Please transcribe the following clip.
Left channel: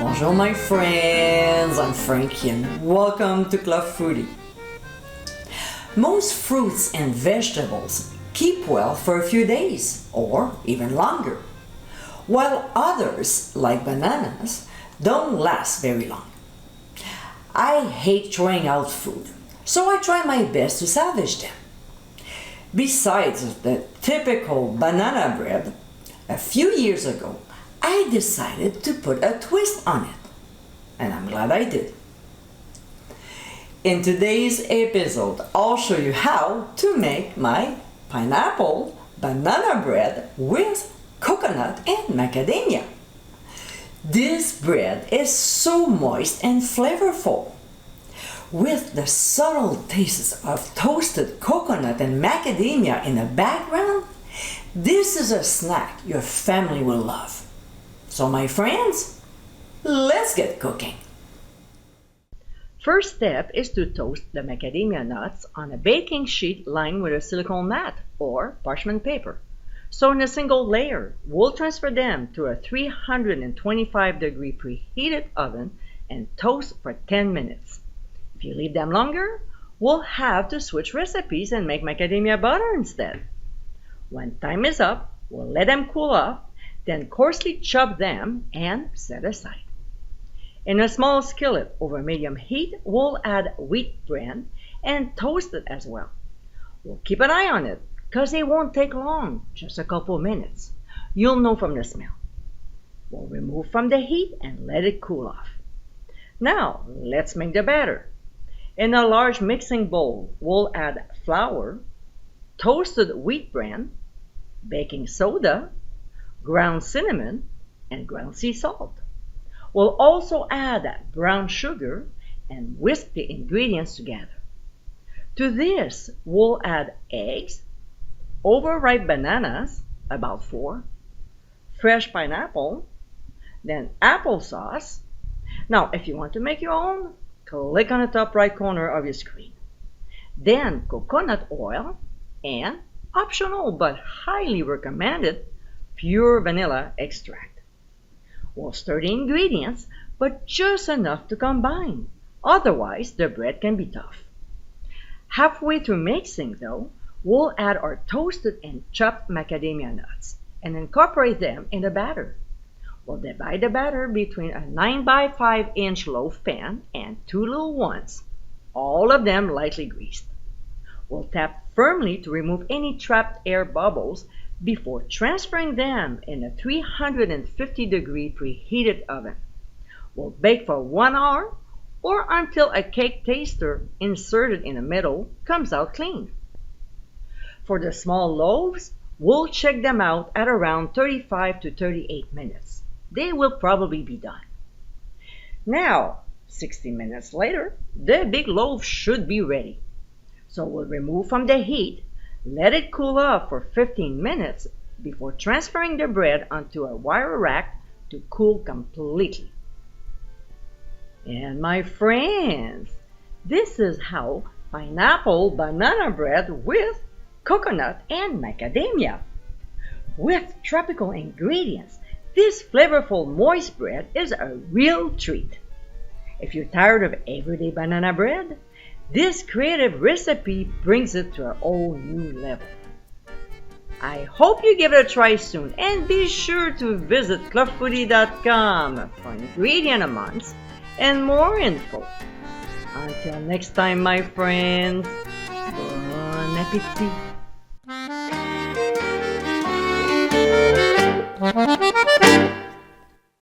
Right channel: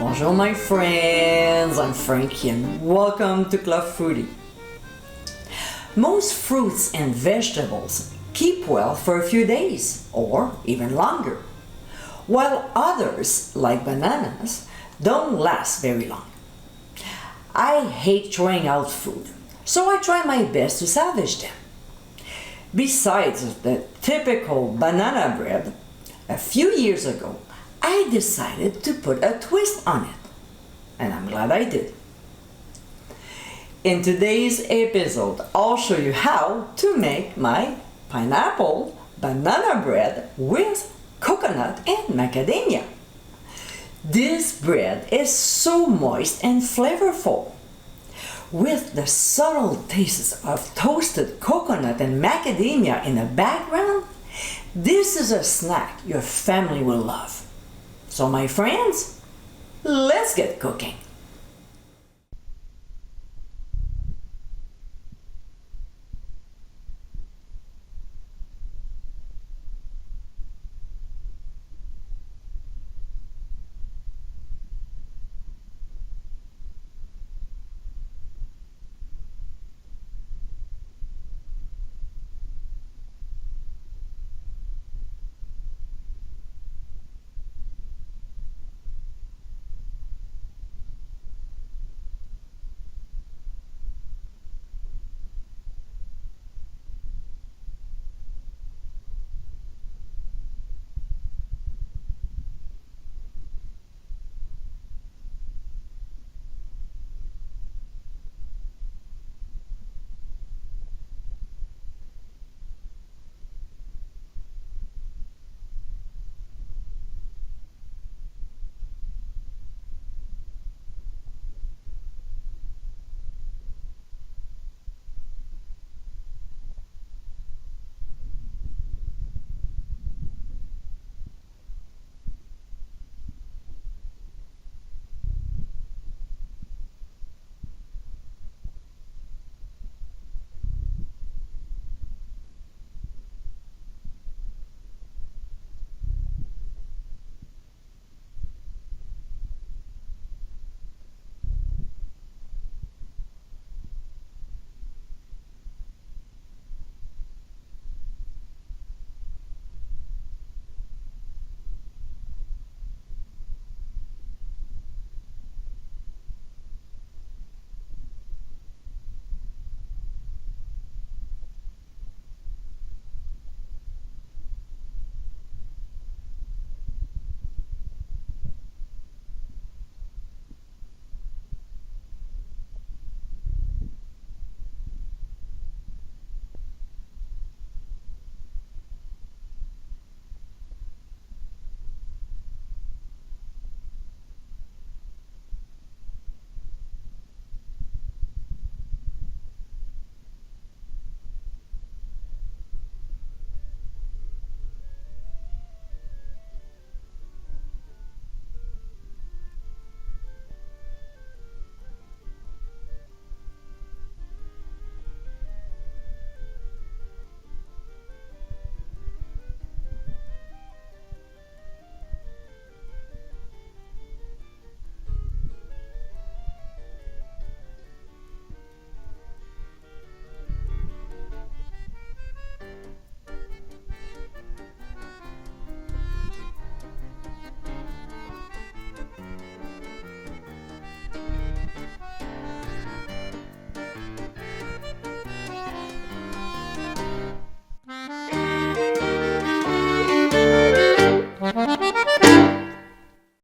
Bonjour my friends, I'm Frankie and welcome to Club Foodie. Most fruits and vegetables keep well for a few days or even longer, while others, like bananas, don't last very long. I hate throwing out food, so I try my best to salvage them. Besides the typical banana bread, a few years ago I decided to put a twist on it, and I'm glad I did. In today's episode, I'll show you how to make my pineapple banana bread with coconut and macadamia. This bread is so moist and flavorful. With the subtle tastes of toasted coconut and macadamia in the background, this is a snack your family will love. So my friends, let's get cooking. First step is to toast the macadamia nuts on a baking sheet lined with a silicone mat or parchment paper. So in a single layer, we'll transfer them to a 325-degree preheated oven and toast for 10 minutes. If you leave them longer, we'll have to switch recipes and make macadamia butter instead. When time is up, we'll let them cool off, then coarsely chop them and set aside. In a small skillet over medium heat, we'll add wheat bran and toast it as well. We'll keep an eye on it because it won't take long, just a couple minutes. You'll know from the smell. We'll remove from the heat and let it cool off. Now, let's make the batter. In a large mixing bowl, we'll add flour, toasted wheat bran, baking soda, ground cinnamon, and ground sea salt. We'll also add brown sugar and whisk the ingredients together. To this, we'll add eggs, overripe bananas, about 4, fresh pineapple, then applesauce. Now, if you want to make your own, click on the top right corner of your screen. Then coconut oil and, optional but highly recommended, pure vanilla extract. We'll stir the ingredients, but just enough to combine. Otherwise, the bread can be tough. Halfway through mixing though, we'll add our toasted and chopped macadamia nuts and incorporate them in the batter. We'll divide the batter between a 9 by 5 inch loaf pan and 2 little ones, all of them lightly greased. We'll tap firmly to remove any trapped air bubbles before transferring them in a 350-degree preheated oven. We'll bake for 1 hour or until a cake taster inserted in the middle comes out clean. For the small loaves, we'll check them out at around 35 to 38 minutes. They will probably be done. Now, 60 minutes later, the big loaf should be ready. So we'll remove from the heat, let it cool off for 15 minutes before transferring the bread onto a wire rack to cool completely. And my friends, this is how pineapple banana bread with coconut and macadamia. With tropical ingredients, this flavorful moist bread is a real treat. If you're tired of everyday banana bread, this creative recipe brings it to a whole new level. I hope you give it a try soon and be sure to visit clubfoodie.com for ingredient amounts and more info. Until next time, my friends, bon appétit!